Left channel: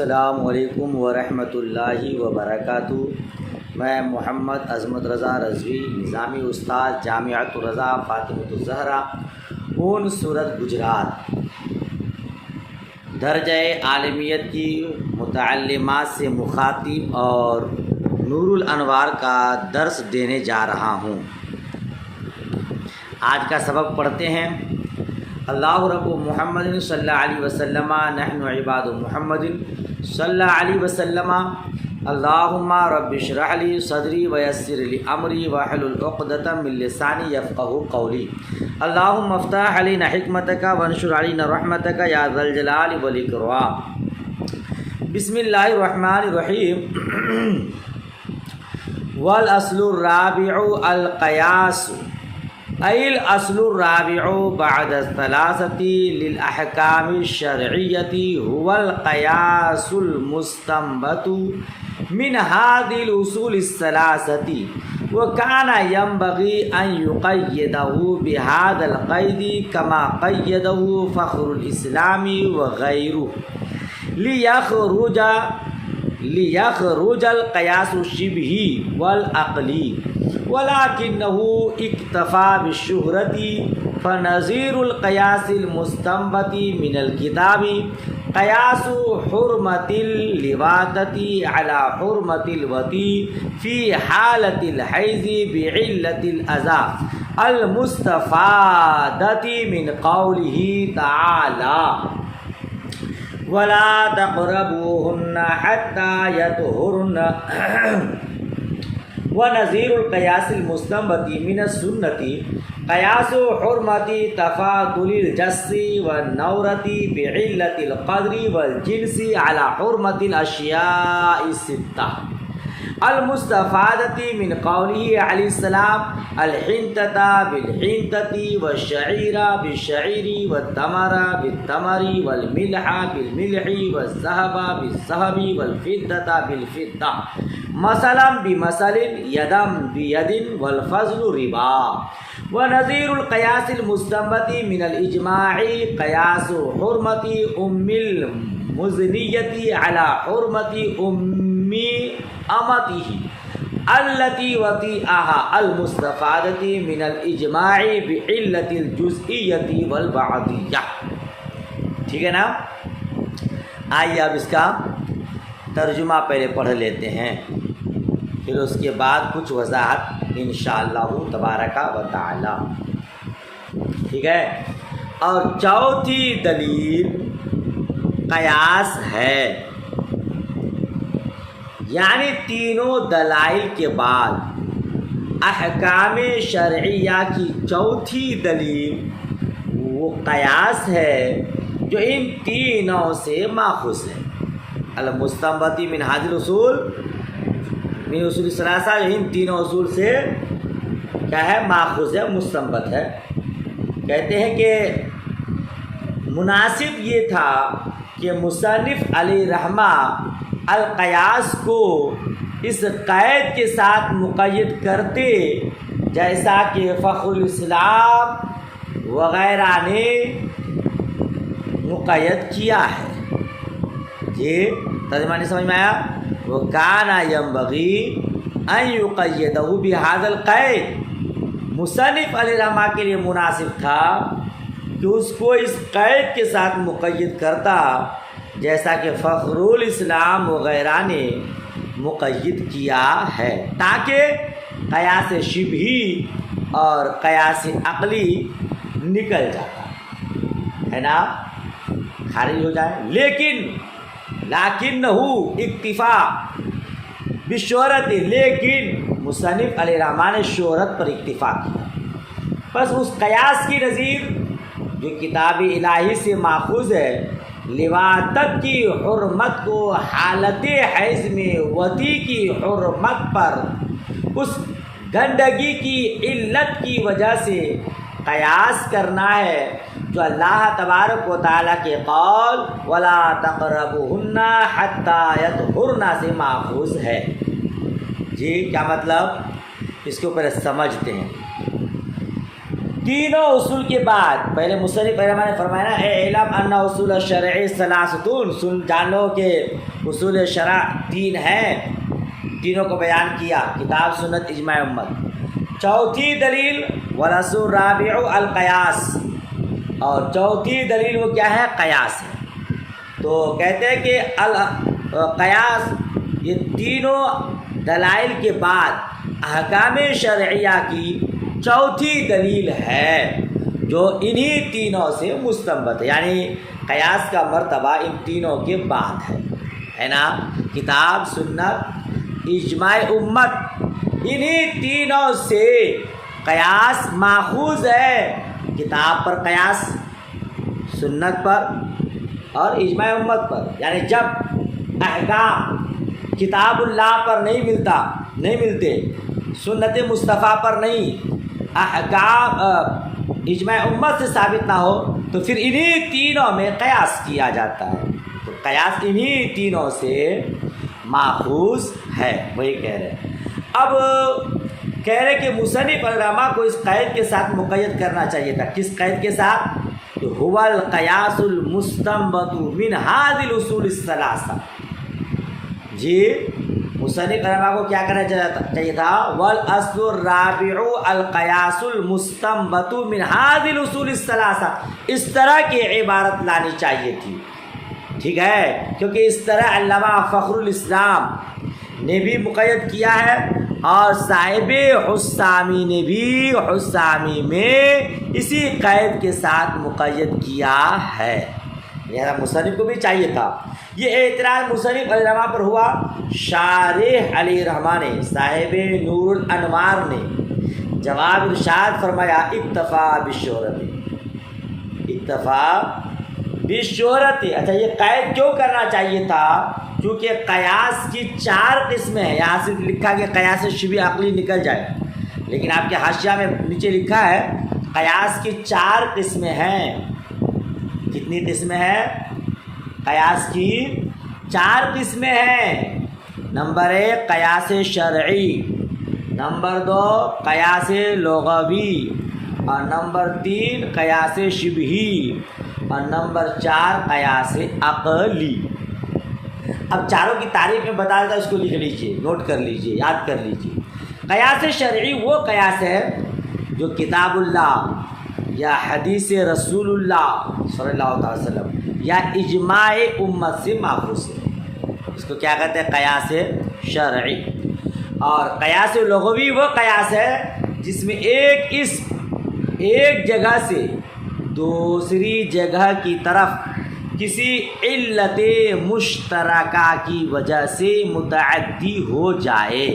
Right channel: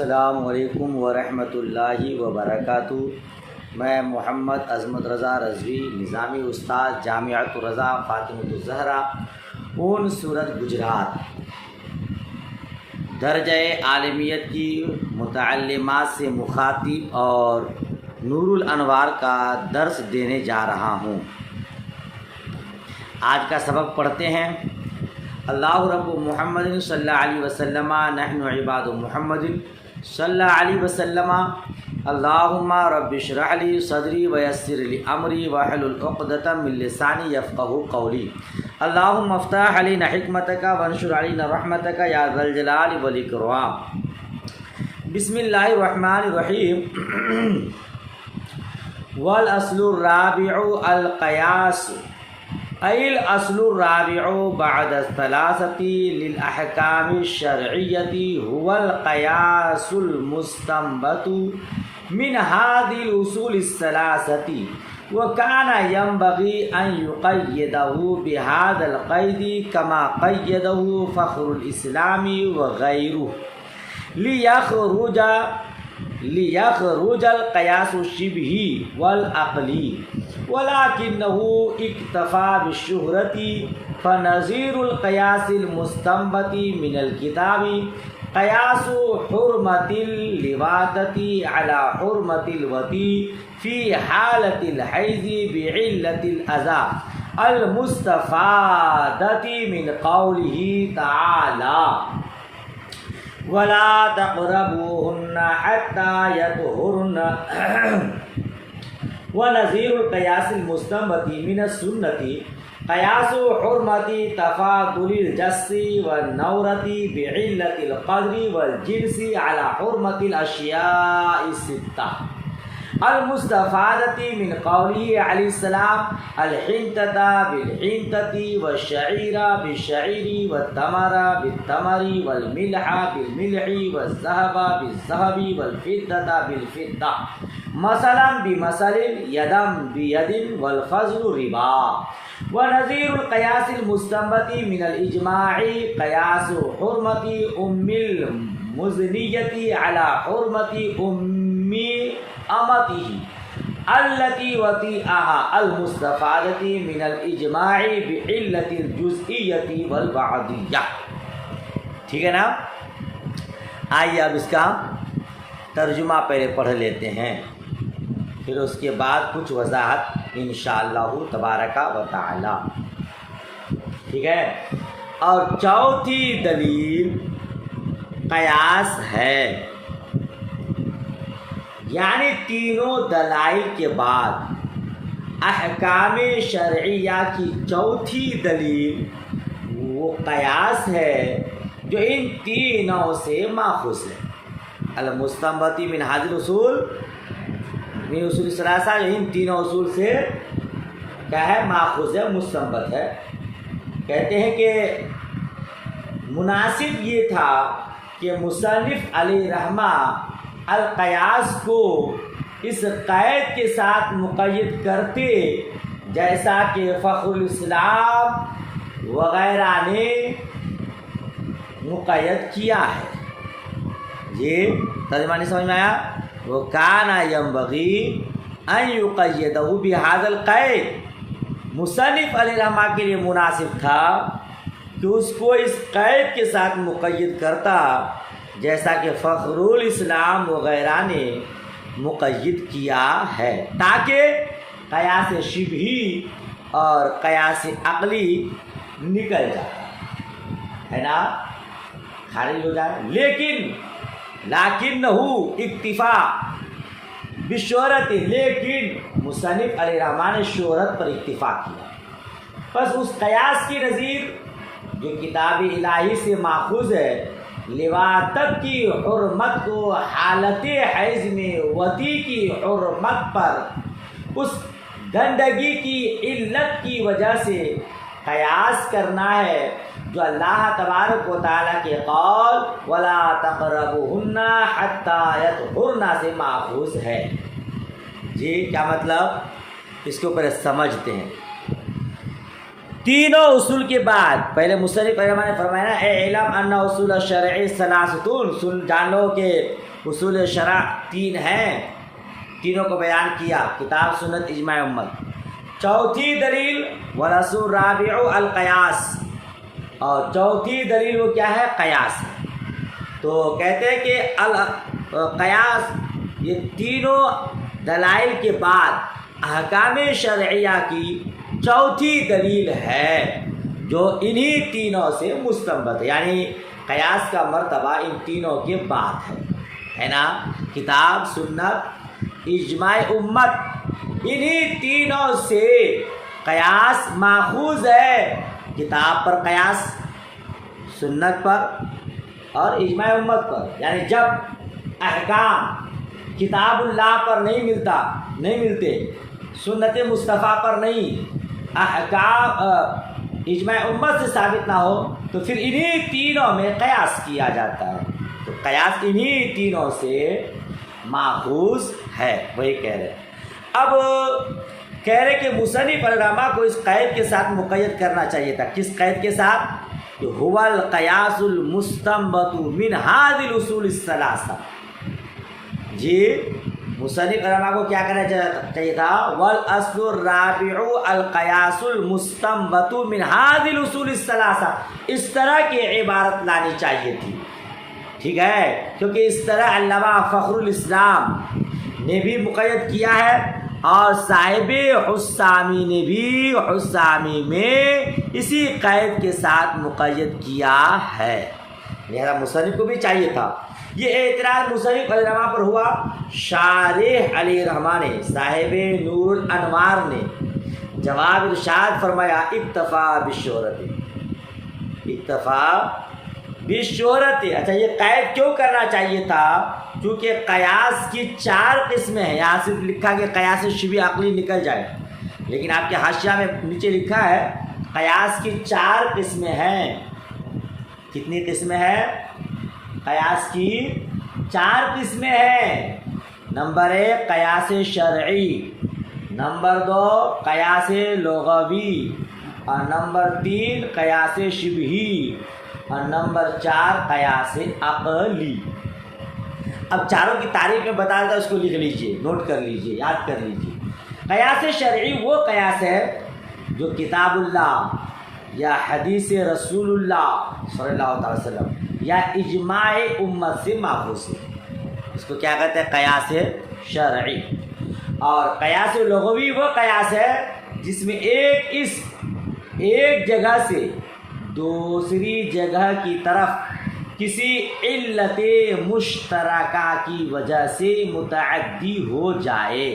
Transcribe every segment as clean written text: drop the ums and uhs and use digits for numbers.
السلام علیکم ورحمۃ اللہ وبرکاتہ۔ میں محمد عظمت رضا رضوی، نظامی استاد جامعۃ الرضا فاطمۃ الزہرا، اون صورت گجرات، درجہ عالمیت کی متعلمات سے مخاطب اور نور الانوار کا درس دینے جا رہا ہوں۔ آج کا سبق پڑھتے ہیں۔ اللہ رب محمد صلی اللہ علیہ وسلم، نحن عباد محمد صلی اللہ علیہ وسلم، اللہم رب اشرح لی صدری ویسر لی امری واحلل عقدۃ من لسانی یفقہوا قولی، اللہم افتح علینا حکمتک وانشر علینا رحمتک یا ذا الجلال والاکرام۔ بسم اللہ الرحمن الرحیم۔ والاصل الرابع القیاس، ای الاصل الرابع بعد الثلاثة للأحكام الشرعية هو القياس المستنبط من هذه الأصول الثلاثة، وكان ينبغي أن يقيده بهذا القيد كما قيده فخر الإسلام وغيره ليخرج القياس الشبهي والعقلي، ولكنه اكتفى بالشهرة، فنظير القياس المستنبط من الكتاب قياس حرمة اللواطة على حرمة الوطي في حالة الحيض بعلة الأذى المستفادة من قوله تعالى ولا تقربوهن حتى يطهرن، ونظير القياس المستنبط من السنة قياس حرمة تفاضل الجس والنورة بعلة القدر والجنس على حرمة الأشياء الستة المستفادة من قوله عليه السلام الحنطة بالحنطة والشعير بالشعير والتمر بالتمر والملح بالملح والذهب بالذهب والفضة بالفضة مثلا بمثل يدا بيد والفضل ربا، ونظير القياس المستنبط من الإجماع قياس حرمة أم المزنية على حرمة أم أمته التي وطئها المستفادة من الإجماع بعلة الجزئية والبعضية۔ ٹھیک ہے نا؟ آئیے اب اس کا ترجمہ پہلے پڑھ لیتے ہیں، پھر اس کے بعد کچھ وضاحت انشاءاللہ تبارک و تعالی۔ ٹھیک ہے؟ اور چوتھی دلیل قیاس ہے، یعنی تینوں دلائل کے بعد احکام شرعیہ کی چوتھی دلیل وہ قیاس ہے جو ان تینوں سے ماخوذ ہے۔ المستنبط من هذه الاصول، من اصول الثلاثہ، جو ان تینوں اصول سے کیا ہے؟ ماخوذ ہے، مستنبط ہے۔ کہتے ہیں کہ مناسب یہ تھا کہ مصنف علیہ رحمہ القیاس کو اس قید کے ساتھ مقید کرتے جیسا کہ فخر الاسلام وغیرہ نے مقید کیا ہے۔ یہ ترجمہ نہیں سمجھ میں آیا؟ وہ کان ینبغی ان یقیدہ بہذا القید، مصنف علیہ رحمہ کے لیے مناسب تھا کہ اس کو اس قید کے ساتھ مقید کرتا جیسا کہ فخر الاسلام وغیرہ نے مقید کیا ہے، تاکہ قیاس شبہی اور قیاس عقلی نکل جاتا ہے نا، خارج ہو جائے۔ لیکنہ اکتفا بشہرت، لیکن مصنف علیہ رحمٰن نے شہرت پر اکتفا کیا، بس اس قیاس کی نظیر جو کتاب الہی سے ماخوذ ہے، لواطت کی حرمت کو حالت حیض میں وطی کی حرمت پر اس گندگی کی علت کی وجہ سے قیاس کرنا ہے، جو اللہ تبارک و تعالیٰ کے قول وَلَا تَقْرَبُوهُنَّ حَتَّى يَطْهُرْنَ سے ماخوذ ہے۔ جی کیا مطلب؟ اس کو پہلے سمجھتے ہیں۔ تینوں اصول کے بعد پہلے مصنف رحمہ نے فرمایا نا، اے علم ان اصول الشرع ثلاثۃ، سن جان لو کہ اصول شرع 3 ہیں، تینوں کو بیان کیا، کتاب سنت اجماع امت۔ چوتھی دلیل والرسول الرابع القیاس، اور چوتھی دلیل وہ کیا ہے؟ قیاس ہے۔ تو کہتے ہیں کہ القیاس یہ تینوں دلائل کے بعد احکام شرعیہ کی چوتھی دلیل ہے جو انہی تینوں سے مستنبط ہے، یعنی قیاس کا مرتبہ ان تینوں کے بعد ہے نا؟ کتاب سنت اجماع امت، انہی تینوں سے قیاس ماخوذ ہے، کتاب پر قیاس، سنت پر اور اجماع امت پر۔ یعنی جب احکام کتاب اللہ پر نہیں ملتے، سنت مصطفیٰ پر نہیں، احکام اجماع امت سے ثابت نہ ہو تو پھر انہی تینوں میں قیاس کیا جاتا ہے۔ تو قیاس انہی تینوں سے ماخوذ ہے، وہی کہہ رہے ہیں۔ اب کہہ رہے کہ مصنف علامہ کو اس قید کے ساتھ مقید کرنا چاہیے تھا۔ کس قید کے ساتھ؟ کہ هو القیاس المستنبط من هذه الاصول الثلاثہ۔ جی مصنف علامہ کو کیا کرنا چاہیے تھا؟ والاصل الرابع القیاس المستنبط من هذه الاصول الثلاثہ، اس طرح کی عبارت لانی چاہیے تھی، ٹھیک ہے؟ کیونکہ اس طرح علامہ فخر الاسلام نے بھی مقید کیا ہے اور صاحب حسامی نے بھی حسامی میں اسی قید کے ساتھ مقید کیا ہے۔ یہ مصنف کو بھی چاہیے تھا۔ یہ اعتراض مصنف علیہ الرحمٰ پر ہوا، شارح علیہ الرحمٰ نے، صاحب نور الانوار نے جواب ارشاد فرمایا اکتفا بالشہرت، اکتفا بالشہرت۔ اچھا یہ قید کیوں کرنا چاہیے تھا؟ کیونکہ قیاس کی 4 قسمیں ہیں۔ یہاں سے لکھا کہ قیاس شبہ عقلی نکل جائے، لیکن آپ کے حاشیہ میں نیچے لکھا ہے قیاس کی 4 قسمیں ہیں۔ کتنی قسمیں ہیں؟ قیاس کی 4 قسمیں ہیں۔ نمبر 1 قیاس شرعی، نمبر 2 قیاس لغوی، اور نمبر 3 قیاس شبہی، اور نمبر 4 قیاس عقلی۔ اب چاروں کی تعریف میں بتا دیتا، اس کو لکھ لیجئے، نوٹ کر لیجئے، یاد کر لیجئے۔ قیاس شرعی وہ قیاس ہے جو کتاب اللہ یا حدیث رسول اللہ صلی اللہ علیہ وسلم یا اجماع امت سے ماخوذ ہے، اس کو کیا کہتے ہیں؟ قیاس شرعی۔ اور قیاس لغوی وہ قیاس ہے جس میں ایک جگہ سے دوسری جگہ کی طرف کسی علت مشترکہ کی وجہ سے متعدی ہو جائے،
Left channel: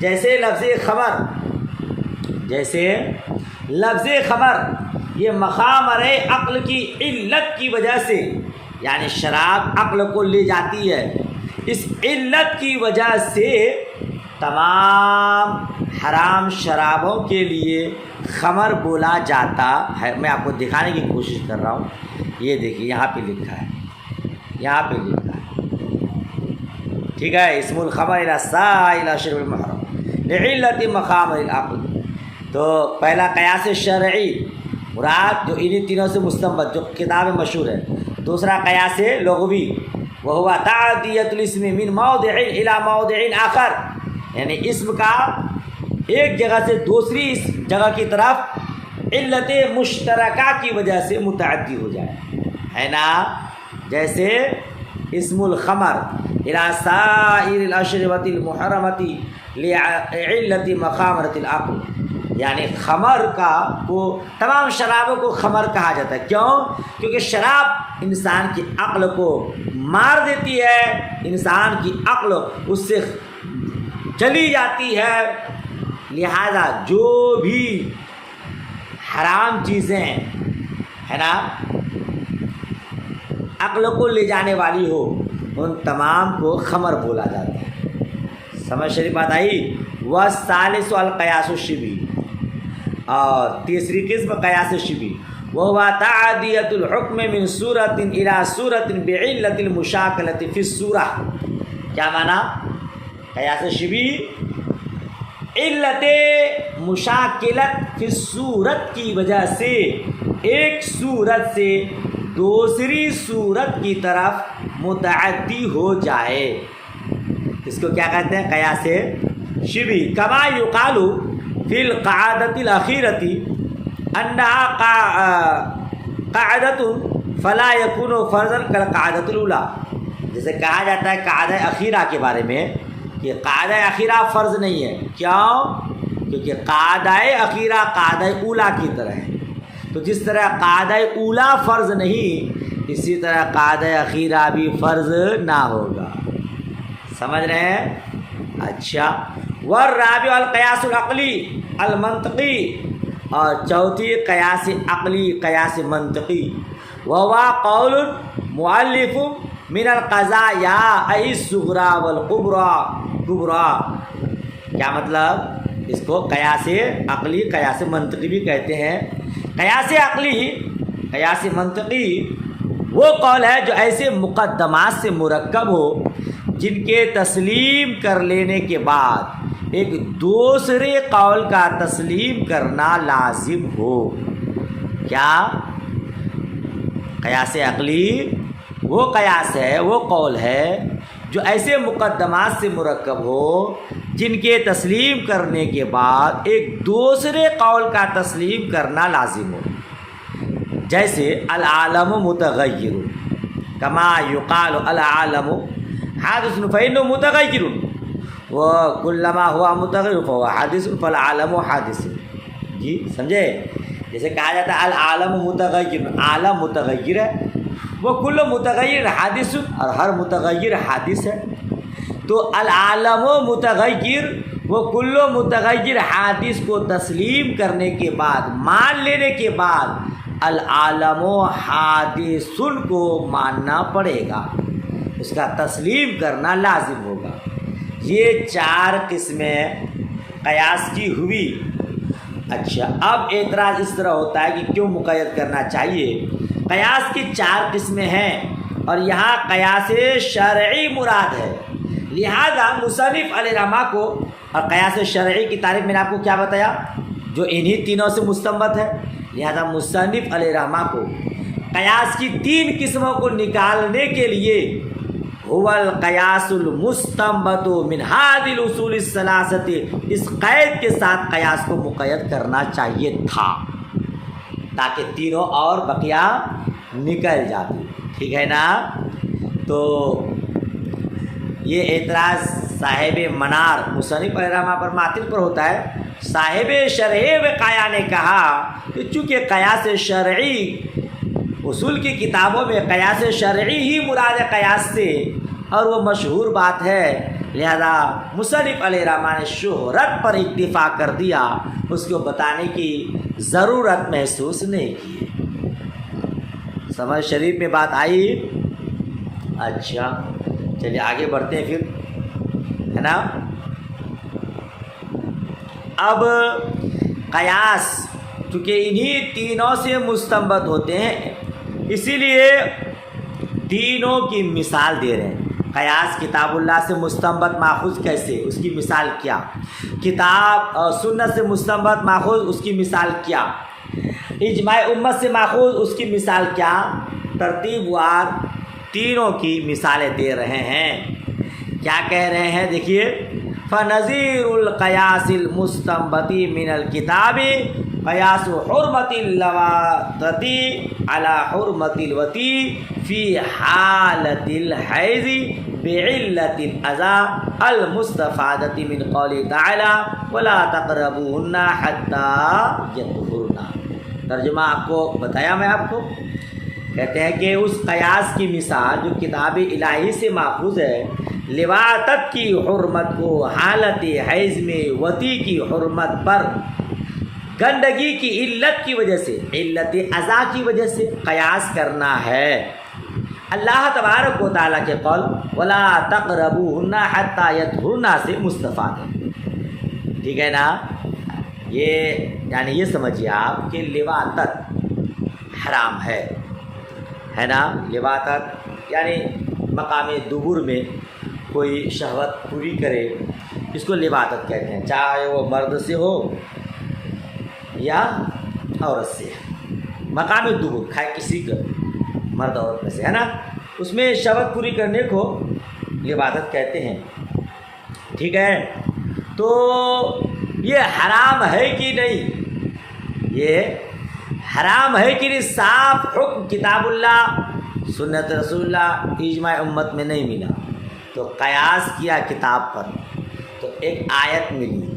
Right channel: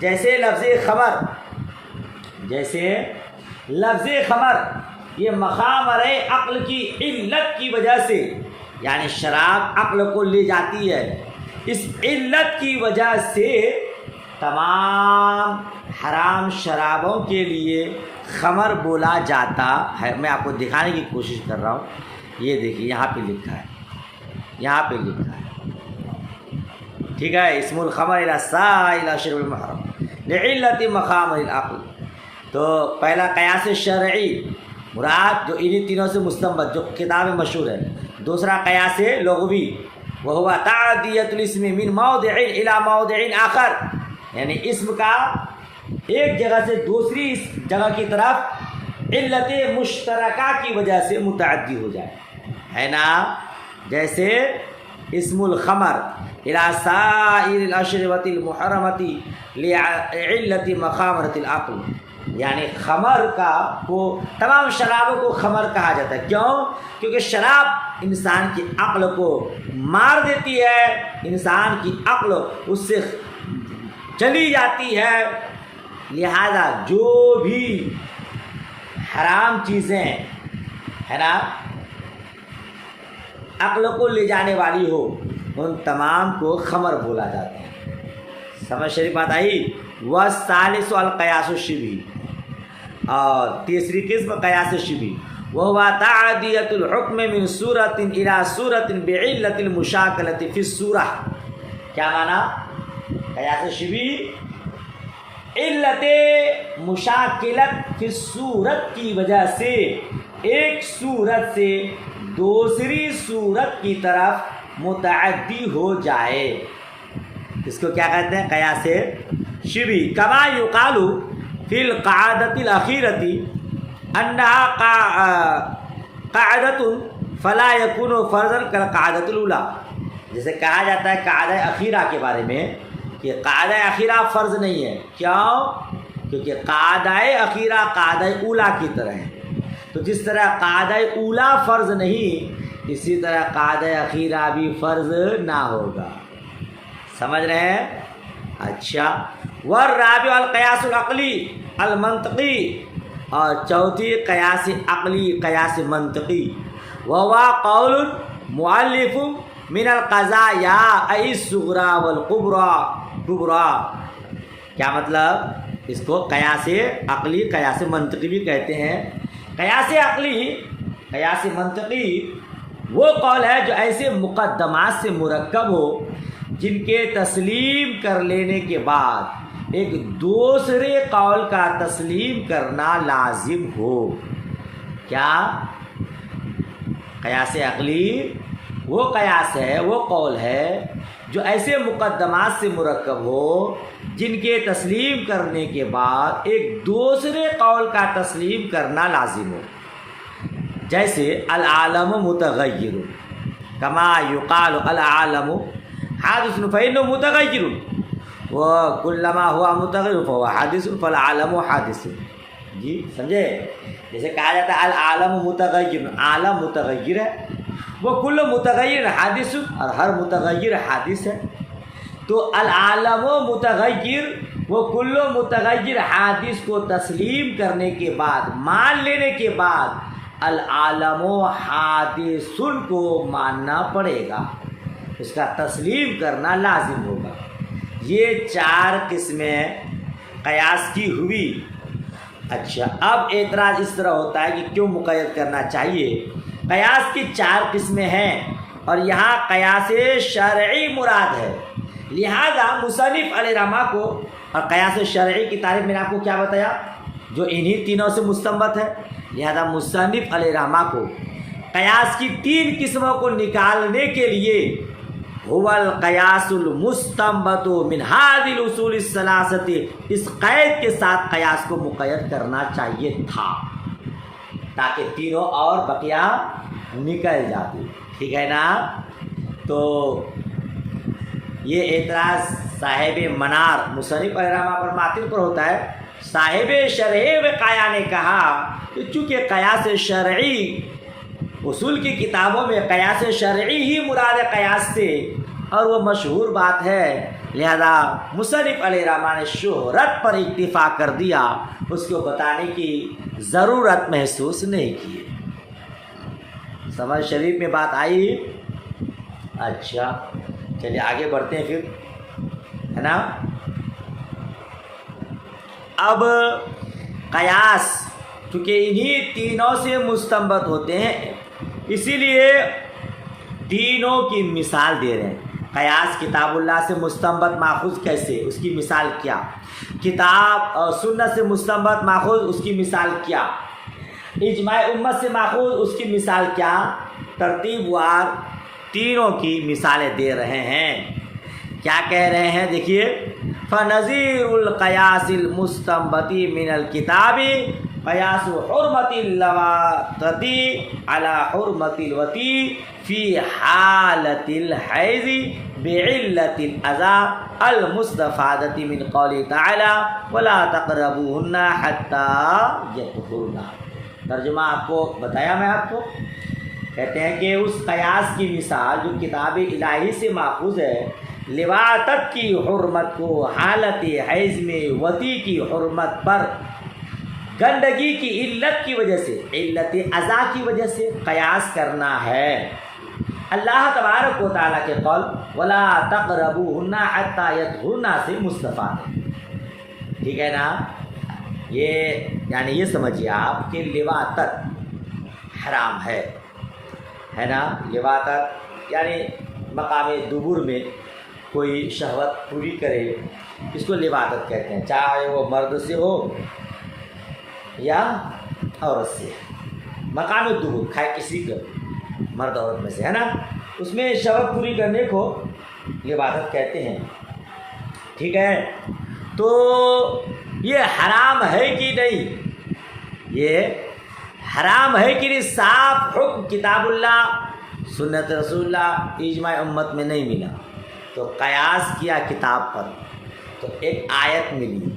جیسے لفظ خمر یہ مخامر عقل کی علت کی وجہ سے، یعنی شراب عقل کو لے جاتی ہے، اس علت کی وجہ سے تمام حرام شرابوں کے لیے خمر بولا جاتا ہے۔ میں آپ کو دکھانے کی کوشش کر رہا ہوں، یہ دیکھیے یہاں پہ لکھا ہے، یہاں پہ لکھا ہے، ٹھیک ہے؟ اسم الخمر الی سائل شرب المحرم لعلت مخامر العقل۔ تو پہلا قیاس شرعی مراد جو انہی تینوں سے مستنبط، جو کتاب مشہور ہے۔ دوسرا قیاس لغوی وہو تعدیۃ الاسم من موضع الی موضع آخر، یعنی اسم کا ایک جگہ سے دوسری جگہ کی طرف علت مشترکہ کی وجہ سے متعدی ہو جائے، ہے نا؟ جیسے اسم الخمر الی سائر الاشربۃ المحرمۃ لعلت مخامرۃ العقل، یعنی خمر کو تمام شرابوں کو خمر کہا جاتا ہے۔ کیوں؟ کیونکہ شراب انسان کی عقل کو مار دیتی ہے، انسان کی عقل اس سے چلی جاتی ہے، لہذا جو بھی حرام چیزیں ہے نا عقل کو لے جانے والی ہو، ان تمام کو خمر بولا جاتا ہے۔ سمجھ شریف بات آئی؟ والثالث القیاس الشبہی، اور تیسری قسم قیاس شبہی وہو تعدیۃ الحکم من صورت الی صورت بعلت المشاکلۃ فی الصورہ۔ کیا معنی؟ قیاس شبہی علت مشاکلت فی الصورت کی وجہ سے ایک صورت سے دوسری صورت کی طرف متعدی ہو جائے. اس کو کیا کہتے ہیں؟ قیاس شبی. کما یقال فی القاعدۃ الاخیرۃ انہا قاعدۃ فلا یکون فرضا کالقاعدۃ الاولی. جیسے کہا جاتا ہے قاعدہ اخیرہ کے بارے میں کہ قاعدہ اخیرہ فرض نہیں ہے. کیوں؟ کیونکہ قاعدہ اخیرہ قاعدہ اولی کی طرح ہے. تو جس طرح قاعدہ اولی فرض نہیں، اسی طرح قاعدہ اخیرہ بھی فرض نہ ہوگا. سمجھ رہے ہیں؟ اچھا. والرابع القیاس العقلی المنطقی، اور چوتھی قیاس عقلی قیاس منطقی. وہو قول مؤلف من القضایا الصغریٰ والکبریٰ. کیا مطلب؟ اس کو قیاس عقلی قیاس منطقی بھی کہتے ہیں. قیاس عقلی قیاس منطقی وہ قول ہے جو ایسے مقدمات سے مرکب ہو جن کے تسلیم کر لینے کے بعد ایک دوسرے قول کا تسلیم کرنا لازم ہو. کیا؟ قیاس عقلی وہ قیاس ہے، وہ قول ہے جو ایسے مقدمات سے مرکب ہو جن کے تسلیم کرنے کے بعد ایک دوسرے قول کا تسلیم کرنا لازم ہو. جیسے العالم متغیر، کما یقال العالم حادث فإنه متغیر وکلما ہوا متغیر فهو حادث فالعالم حادث. جی سمجھے؟ جیسے کہا جاتا ہے العالم متغیر، عالم متغیر ہے، وہ کل متغیر حادث، اور ہر متغیر حادث ہے. تو العالم متغیر وہ کل متغیر حادث کو تسلیم کرنے کے بعد، مان لینے کے بعد العالم حادث کو ماننا پڑے گا، اس کا تسلیم کرنا لازم ہوگا. یہ 4 قسمیں قیاس کی ہوئی. اچھا، اب اعتراض اس طرح ہوتا ہے کہ کیوں مقید کرنا چاہیے؟ قیاس کی 4 قسمیں ہیں اور یہاں قیاس شرعی مراد ہے. لہذا مصنف علیہ رحمہ کو، اور قیاس شرعی کی تعریف میں نے آپ کو کیا بتایا؟ جو انہی تینوں سے مستنبط ہے. لہذا مصنف علیہ رحمہ کو قیاس کی 3 قسموں کو نکالنے کے لیے هو القیاس المستنبط من هذه الاصول الثلاثه، اس قید کے ساتھ قیاس کو مقید کرنا چاہیے تھا تاکہ تینوں اور بقیہ نکل جاتی. ٹھیک ہے نا؟ تو یہ اعتراض صاحب منار مصنف علیہ رحمہ پر معطل پر ہوتا ہے. صاحب شرح وقایا نے کہا کہ چونکہ قیاس شرعی اصول کی کتابوں میں قیاس شرعی ہی مراد قیاس سے، اور وہ مشہور بات ہے، لہذا مصنف علیہ رحمہ نے شہرت پر اکتفا کر دیا، اس کو بتانے کی ضرورت محسوس نہیں کی. سمجھ شریف میں بات آئی؟ اچھا چلیے آگے بڑھتے ہیں پھر، ہے نا؟ اب قیاس چونکہ انہی تینوں سے مستنبط ہوتے ہیں، اسی لیے تینوں کی مثال دے رہے ہیں. قیاس کتاب اللہ سے مستنبط ماخوذ کیسے، اس کی مثال کیا؟ کتاب اور سنت سے مستنبط ماخوذ، اس کی مثال کیا؟ اجماع امت سے ماخوذ، اس کی مثال کیا؟ ترتیب وار تینوں کی مثالیں دے رہے ہیں. کیا کہہ رہے ہیں؟ دیکھیے، فنظیر القیاس المستنبط من الکتاب قیاس حرمت اللواطۃ علی حرمت الوطی فی حالت الحیض بعلت الاذى المستفادۃ من قوله تعالی ولا تقربوهن حتی یطہرن. ترجمہ آپ کو بتایا میں آپ کو. کہتے ہیں کہ اس قیاس کی مثال جو کتاب الہی سے ماخوذ ہے، لواطت کی حرمت کو حالت حیض میں وطی کی حرمت پر گندگی کی علت کی وجہ سے، علت اذا کی وجہ سے قیاس کرنا ہے. اللہ تبارک و تعالیٰ کے قول ولا تقربوهن حتی یطہرن سے مستفاد ہے. ٹھیک ہے نا؟ یہ یعنی یہ سمجھیے آپ کہ لواطت حرام ہے نا؟ لواطت یعنی مقام دبر میں کوئی شہوت پوری کرے، اس کو لواطت کہتے ہیں، چاہے وہ مرد سے ہو یا عورت سے. مقام دبر کھائے کسی کا مرد عورت میں سے، ہے نا؟ اس میں شرط پوری کرنے کو عبادت کہتے ہیں، ٹھیک ہے؟ تو یہ حرام ہے کہ نہیں، یہ حرام ہے کہ نہیں، صاف حکم کتاب اللہ سنت رسول اللہ اجماع امت میں نہیں ملا، تو قیاس کیا کتاب پر، تو ایک آیت ملی،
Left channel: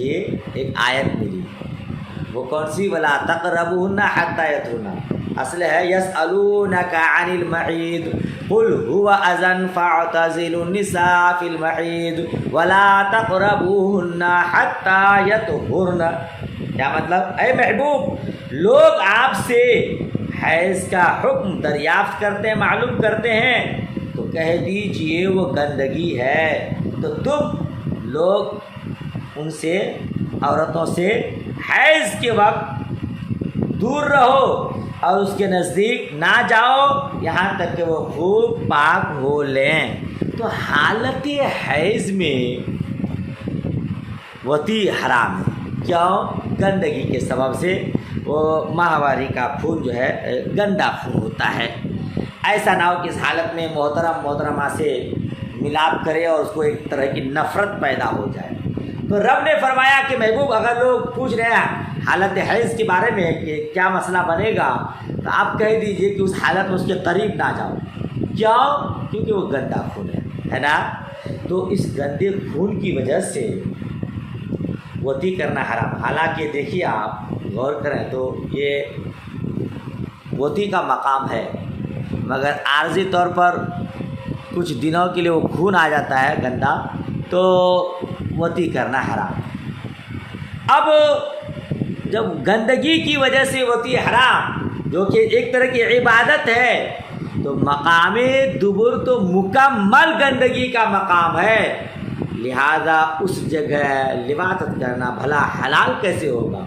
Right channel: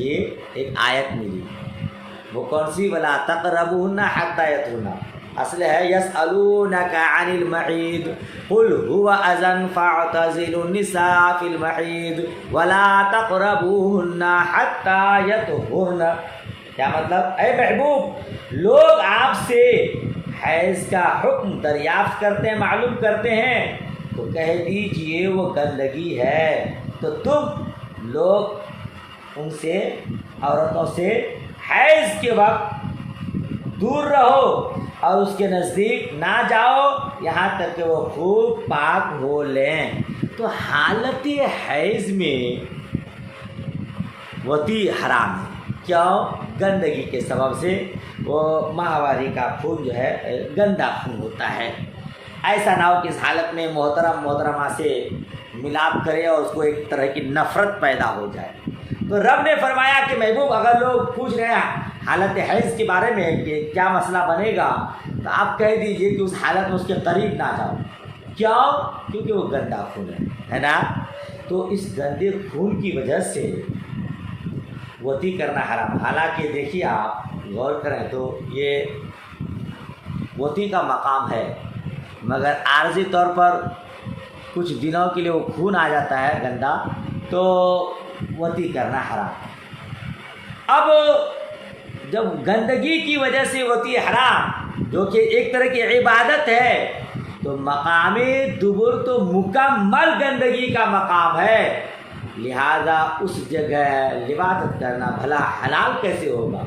یہ ایک آیت ملی، وہ کون سی؟ وَلَا تَقْرَبُوهُنَّ حَتَّى يَطْهُرْنَ، اصل ہے يَسْأَلُونَكَ عَنِ الْمَحِيضِ قُلْ هُوَ أَذًى فَاعْتَزِلُوا النِّسَاءَ فِي الْمَحِيضِ وَلَا تَقْرَبُوهُنَّ حَتَّى يَطْهُرْنَ۔ کیا مطلب؟ اے محبوب، لوگ آپ سے حیض کا حکم دریافت کرتے ہیں، معلوم کرتے ہیں، تو کہہ دیجئے وہ گندگی ہے، تو تم لوگ ان سے، عورتوں سے حیض کے وقت دور رہو اور اس کے نزدیک نہ جاؤ یہاں تک کہ وہ خوب پاک ہو لیں۔ تو حالت حیض میں وطی حرام ہے، کیوں؟ گندگی کے سبب سے، وہ ماہواری کا خون جو ہے گندا خون ہوتا ہے، ایسا نہ ہو کہ اس حالت میں محترمہ سے ملاپ کرے اور اس کو ایک طرح کی نفرت پیدا ہو جائے۔ تو رب نے فرمایا کہ محبوب، اگر لوگ پوچھ رہے ہیں حالت حیض کے بارے میں کہ کیا مسئلہ بنے گا، تو آپ کہہ دیجئے کہ اس حالت میں اس کے قریب نہ جاؤ، کیوں؟ کیونکہ وہ گندا خون ہے نا؟ تو اس گندے خون کی وجہ سے وطی کرنا حرام۔ حالانکہ دیکھیے، آپ غور کریں تو یہ وطی کا مقام ہے، مگر عارضی طور پر کچھ دنوں کے لیے وہ خون آ جاتا ہے گندا، تو وطی کرنا حرام۔ اب جب گندگی کی وجہ سے وطی حرام، جو کہ ایک طرح کی عبادت ہے، تو مقام دبر تو مکمل گندگی کا مقام ہے، لہذا اس جگہ لباست کرنا بھلا حلال کیسے ہوگا؟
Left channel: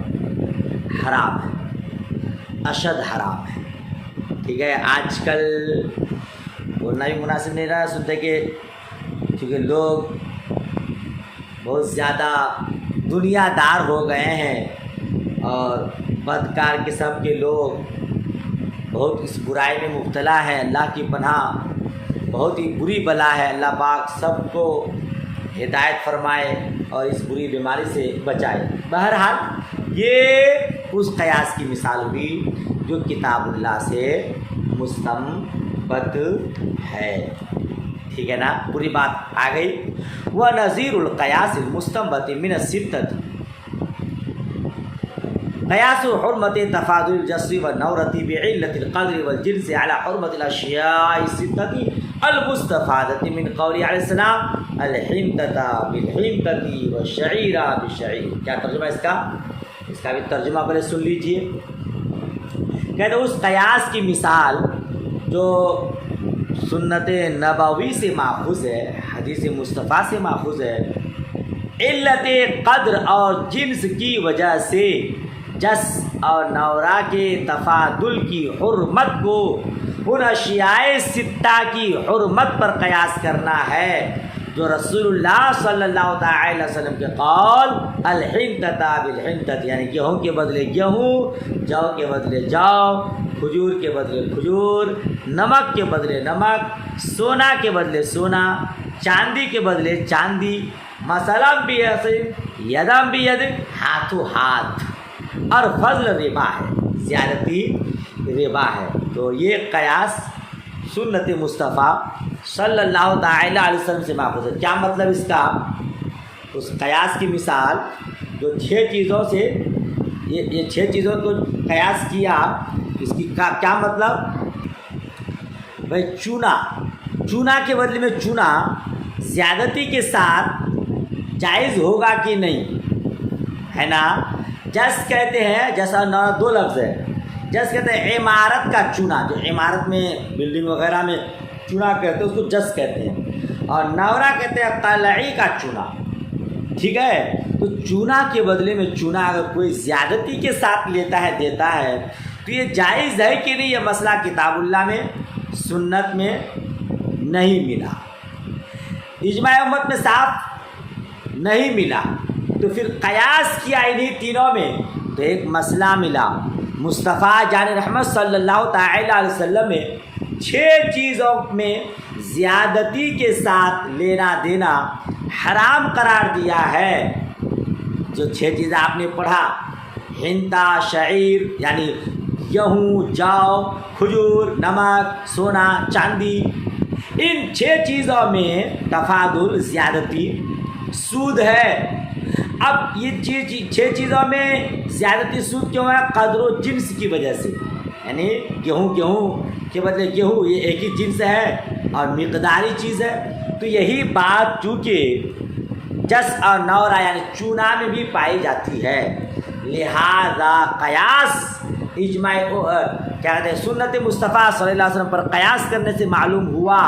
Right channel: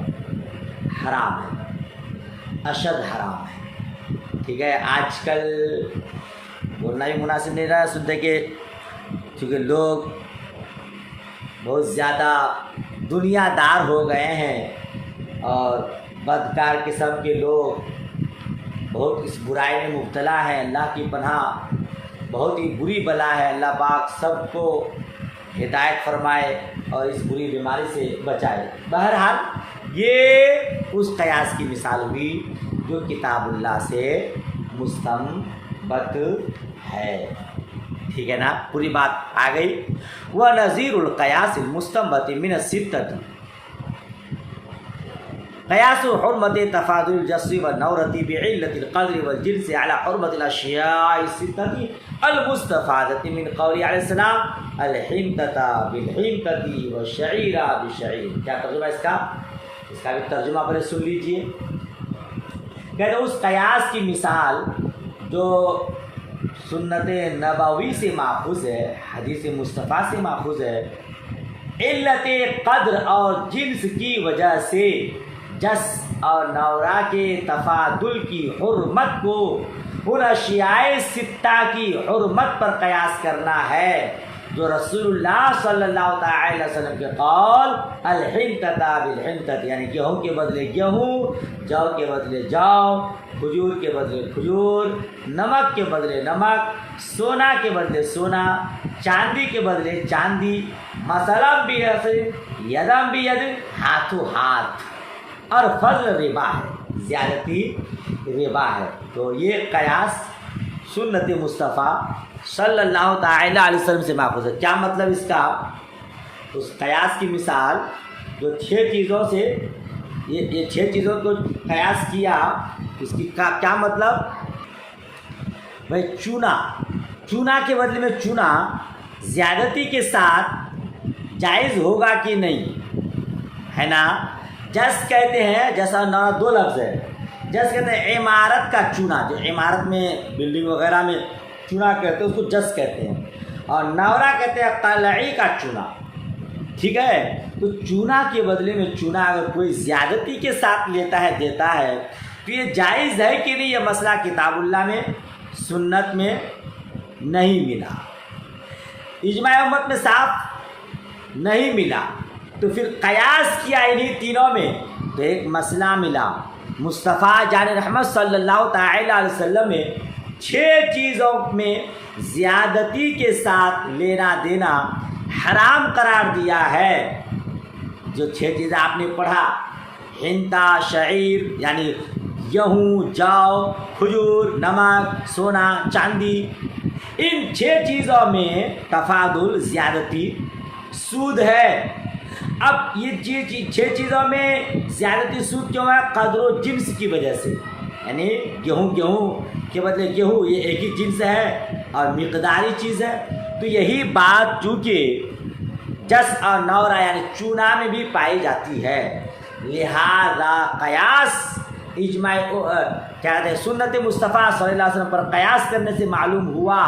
حرام ہے، اشد حرام ہے، ٹھیک ہے؟ آج کل بولنا بھی مناسب نہیں رہا، سنتے کہ چونکہ لوگ بہت زیادہ دنیا دار ہو گئے ہیں اور بدکار قسم کے لوگ بہت اس برائی میں مبتلا ہیں، اللہ کی پناہ، بہت ہی بری بلا ہے، اللہ پاک سب کو ہدایت فرمائے اور اس بری بیماری سے بچائے۔ بہرحال یہ اس قیاس کی مثال ہوئی جو کتاب اللہ سے مستنبط ہے، ٹھیک ہے نا؟ پوری بات آ گئی۔ وَنَظِيرُ الْقِيَاسِ الْمُسْتَنبَطِ مِنَ السِّتَّةِ قیاس حرمت تفاضل الجس والنورۃ بعلة القدر والجنس على حرمت الاشیاء الستة المستفادة من قول علیہ السلام الحنطة بالحنطة والشعیر بالشعیر۔ کیا ترجمہ ہے اس کا؟ اس کا بھی ترجمہ پہلے سن لیجئے۔ کہتے ہیں اس قیاس کی مثال جو سنت نبوی سے ماخوذ ہے، حدیث مصطفیٰ سے ماخوذ ہے، علت قدر اور جنس کی وجہ سے جس اور نورا کے تفاضل کی حرمت کو ان اشیاء ستہ کی حرمت پر قیاس کرنا ہے جو رسول اللہ صلی اللہ تعالی وسلم کے قول الحنطۃ بالحنطۃ، یعنی گیہوں کے بدلے گیہوں، جو کے بدلے جو، کھجور کے بدلے کھجور، نمک کے بدلے نمک، سونا کے بدلے سونا، چاندی کے بدلے چاندی، مثلا یدم بید، ہاتھوں ہاتھ، اور فضل ربا ہے، زیادتی ربا ہے۔ تو یہ قیاس سنت مصطفیٰ صلی اللہ تعالی علیہ وسلم سے ماخوذ ہے۔ کیا مطلب اس کا؟ اس قیاس کی مثال جو 6 چیزوں سے، یہ 6 چیزوں کو قیاس کیا، اس کی کیا مطلب؟ بھائی چونا کے بدلے میں چونا زیادتی کے ساتھ جائز ہوگا کہ نہیں، ہے نا؟ جس کہتے ہیں، جیسا 2 لفظ ہے، جس کہتے ہیں عمارت کا چونا، جو عمارت میں بلڈنگ وغیرہ میں چونا کہتے ہیں اس کو جس کہتے ہیں، اور نورا کہتے ہیں قلعی کا چونا، ٹھیک ہے؟ تو چونا کے بدلے میں چونا اگر کوئی زیادتی کے ساتھ لیتا ہے، دیتا ہے، تو یہ جائز ہے کہ نہیں؟ یہ مسئلہ کتاب اللہ میں سنت میں نہیں ملا، اجماع امت میں صاف نہیں ملا، تو پھر قیاس کیا انہی تینوں میں، تو ایک مسئلہ ملا، مصطفیٰ جان رحمت صلی اللہ تعالی علیہ وسلم نے 6 چیزوں میں زیادتی کے ساتھ لینا دینا حرام قرار دیا ہے۔ جو 6 چیزیں آپ نے پڑھا، ہنتا، شعیر یعنی گیہوں، جو، کھجور، نمک، سونا، چاندی، ان 6 چیزوں میں تفاضل، زیادتی، سود ہے۔ اب یہ 6 چیزوں میں زیادتی سود کیوں ہے؟ قدر و جنس کی وجہ سے، یعنی گیہوں کے بدلے گیہوں، یہ ایک ہی جنس ہے اور مقداری چیز ہے، تو یہی بات چونکہ جس اور نورا یعنی چونا میں بھی پائی جاتی ہے، لہذا قیاس اجماع کیا کہتے ہیں سنت مصطفیٰ صلی اللہ علیہ وسلم پر قیاس کرنے سے معلوم ہوا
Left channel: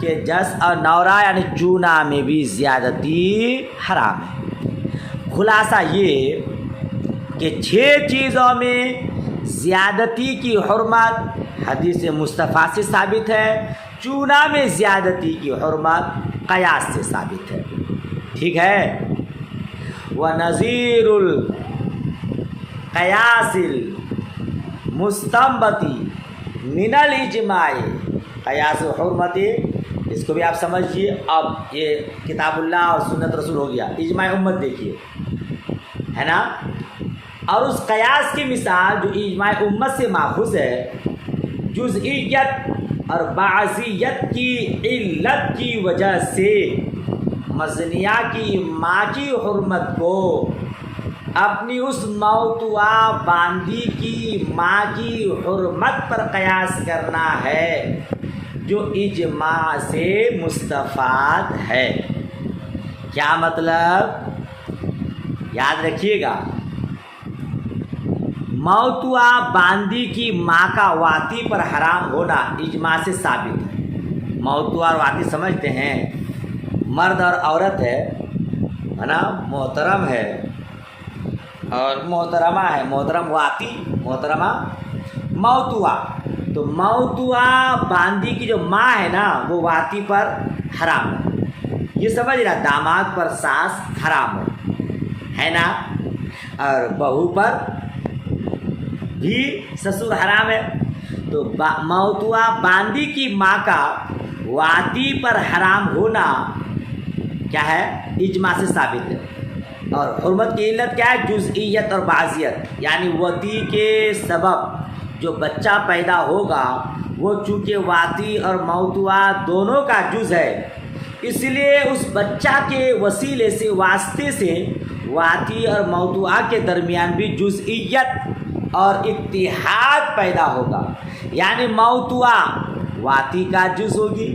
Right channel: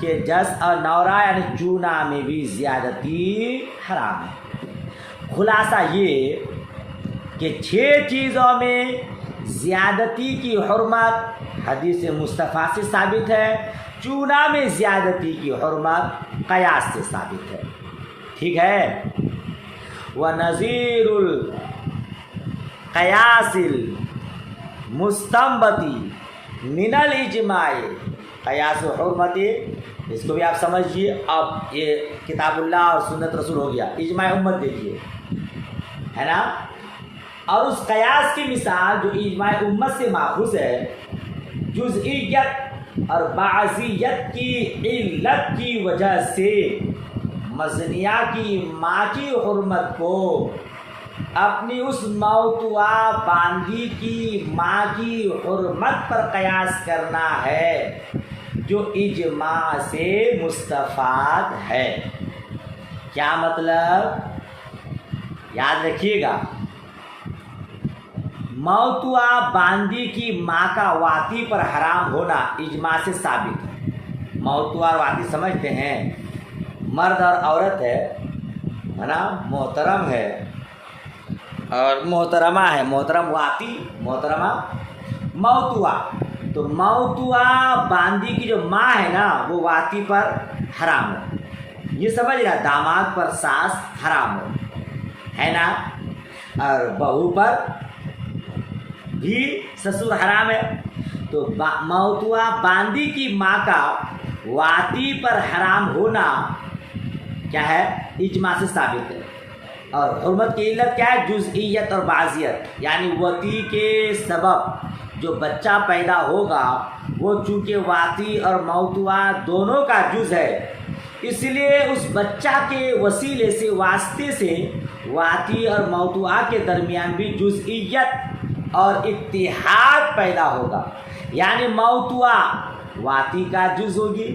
کہ جس اور نورا یعنی چونا میں بھی زیادتی حرام ہے۔ خلاصہ یہ کہ 6 چیزوں میں زیادتی کی حرمت حدیث مصطفیٰ سے ثابت ہے، چونا میں زیادتی کی حرمت قیاس سے ثابت ہے، ٹھیک ہے۔ وَنَظِيرُ الْقِيَاسِ الْمُسْتَنبَطِ مِنَ الْإِجْمَاعِ، قیاس و حرمت، اس کو بھی آپ سمجھیے۔ اب یہ کتاب اللہ اور سنت رسول ہو گیا، اجماع امت دیکھیے، ہے نا۔ اور اس قیاس کی مثال جو اجماع امت سے ماخوذ ہے، جزئیت اور بعضیت کی علت کی وجہ سے مزنیہ کی ماں کی حرمت کو اپنی اس موتوا باندی کی ماں کی حرمت پر قیاس کرنا ہے جو اجماع سے مستفاد ہے۔ کیا مطلب؟ یاد رکھیے گا، موتوا باندی کی ماں کا واتی پر حرام ہونا اجماع سے ثابت ہے۔ موتوا اور واتی سمجھتے ہیں، مرد اور عورت ہے نا، محترم ہے اور محترمہ ہے، محترم واتی، محترمہ موتوا۔ تو موتوا باندی کی جو ماں ہے نا وہ واتی پر حرام ہے، یہ سمجھ رہا، داماد پر ساس حرام ہے نا، اور بہو پر بھی سسر حرام ہے۔ تو موتوا باندی کی ماں کا واتی پر حرام ہونا کیا ہے؟ اجماع سے ثابت ہے۔ اور حرمت کی علت کیا ہے؟ جزئیت اور بعضیت، یعنی واتی کے سبب جو بچہ پیدا ہوگا وہ چونکہ واتی اور موتوا دونوں کا جز ہے، اس لیے اس بچہ کے وسیلے سے، واسطے سے واتی اور موتوا کے درمیان بھی جزئیت اور اتحاد پیدا ہوگا، یعنی موتوا واتی کا جز ہوگی،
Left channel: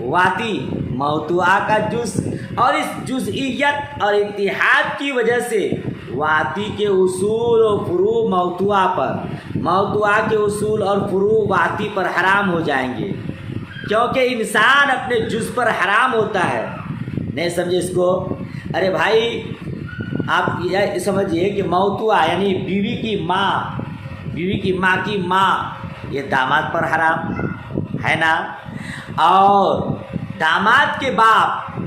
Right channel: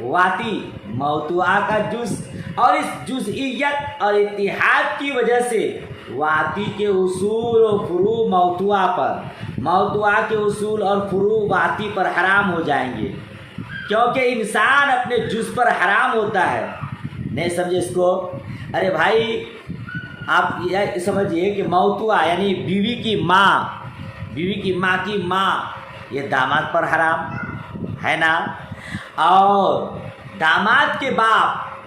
واتی موتوا کا جز، اور اس جزئیت اور اتحاد کی وجہ سے واتی کے اصول و فروع موتوا پر، موتوا کے اصول اور فروع واتی پر حرام ہو جائیں گے، کیونکہ انسان اپنے جز پر حرام ہوتا ہے۔ نہیں سمجھے اس کو؟ ارے بھائی آپ یہ سمجھیے کہ موتوا یعنی بیوی کی ماں، بیوی کی ماں کی ماں، یہ داماد پر حرام ہے نا، اور داماد کے باپ،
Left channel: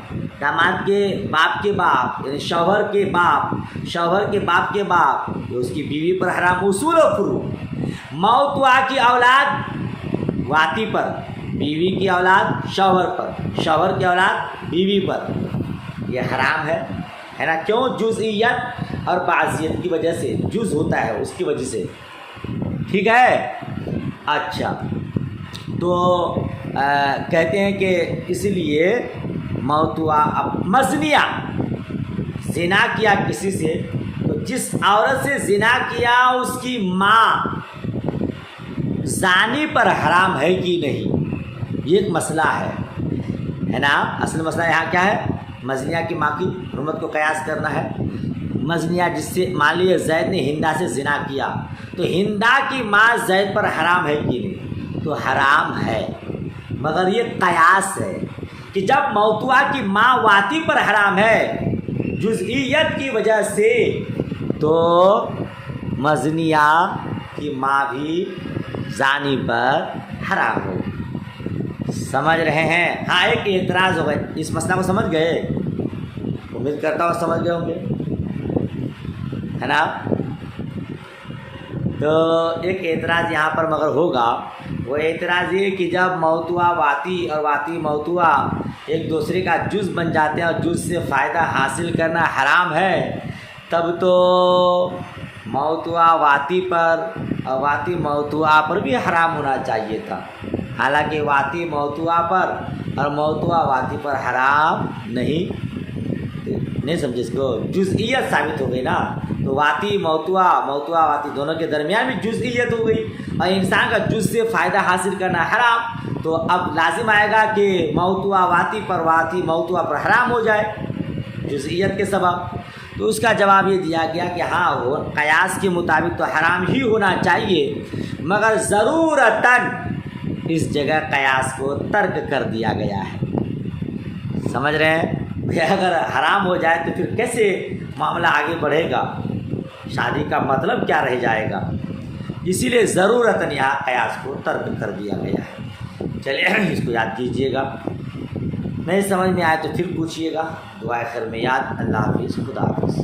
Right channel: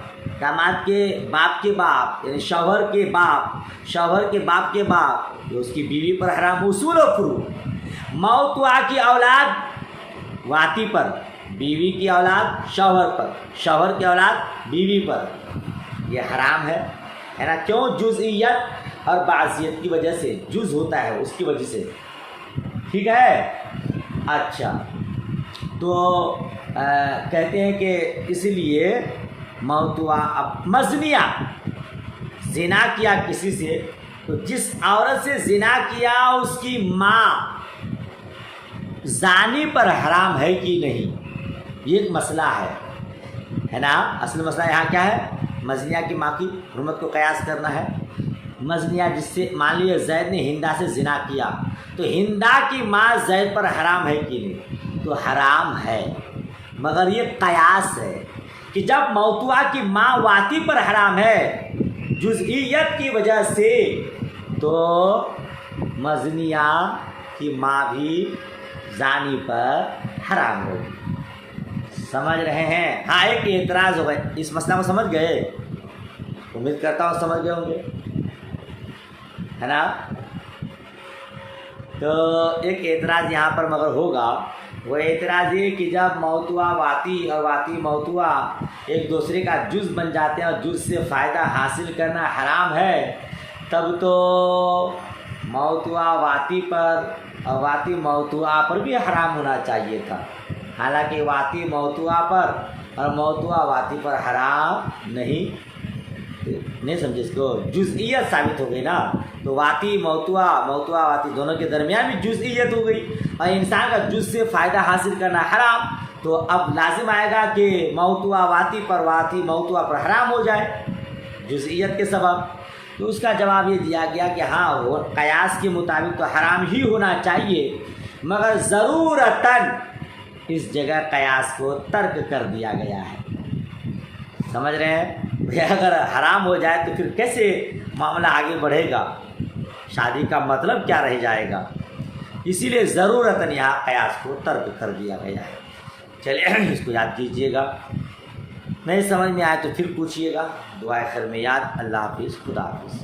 داماد کے باپ کے باپ یعنی شوہر کے باپ، شوہر کے باپ کے باپ، یہ اس کی بیوی پر حرام، اصول و فروع۔ موتوا کی اولاد واتی پر، بیوی کی اولاد شوہر پر، شوہر کی اولاد بیوی پر، یہ حرام ہے نا، کیوں؟ جزئیت اور بعضیت کی وجہ سے، جز ہوتا ہے اس کی وجہ سے، ٹھیک ہے۔ اچھا، تو کہتے ہیں کہ اس لیے موتوا، اب مزنیہ زنا کیا کسی سے، تو جس عورت سے زنا کیا اس کی ماں زانی پر حرام ہے کہ نہیں، یہ ایک مسئلہ ہے نا۔ اصل مسئلہ یہاں کیا ہے؟ مزنیہ کی ماں کی حرمت کو قیاس کرنا ہے۔ مزنیہ جس سے، مان لیے زید نے ہندا سے زنا کیا، تو ہندا کی ماں زید پر حرام ہے کہ نہیں؟ تو حرام ہے، مگر یہ قیاس ہے کہ جب موتوا کی ماں واتی پر حرام ہے جزئیت کی وجہ سے، تو مزنیہ کی ماں بھی زانی پر حرام ہوگی۔ سمجھ رہے ہیں؟ ہاں، ایک اعتراض ہوگا، اس مسئلہ کو سمجھ گئے؟ امید کرتا ہوں سمجھ گئے ہوں گے، ہے نا۔ تو ایک اعتراض یہاں پر مگر ہوگا وہ اعتراض یہ کہ جب موضوع واتی اور واتی موضوع ایک دوسرے کا جز بن جاتے ہیں اور جز سے فائدہ حاصل کرنا حرام ہے، تب تو موضوع واتی پر اور واتی موضوع پر بھی حرام ہونا چاہیے تھا، حالانکہ واتی موضوع پر اور موضوع واتی پر حرام نہیں سمجھے، اس کو جزئیت ثابت ہو گئی نا، تو واتی موضوع واتی دونوں کے درمیان بھی جزئیت ہو گئی، اور انسان کا جز سے فائدہ حاصل کرنا حرام، تو اب لازم آئے گا کہ موضوع واتی پر واتی موضوع پر حرام ہو جائے جزئیت کے سبب۔ تو اس کا جواب یہ دیا گیا کہ ہاں وہ قیاس کے مطابق تو حرام ہی ہونا چاہیے، مگر ضرورتاً اس جگہ قیاس کو ترک کر دیا گیا ہے۔ سمجھ رہے ہیں کہ اگر حرام ہو جائے تو پھر کیسے معاملہ آگے بڑھے گا، شادی کا مطلب کیا رہ جائے گا، اسی لیے ضرورتاً یہاں قیاس کو ترک کر دیا گیا ہے۔ چلیے اس کو یاد کیجیے گا، نہیں سمجھ میں آئے تو پھر پوچھیے گا۔ دعائے خیر میں یاد۔ اللہ حافظ، خدا حافظ۔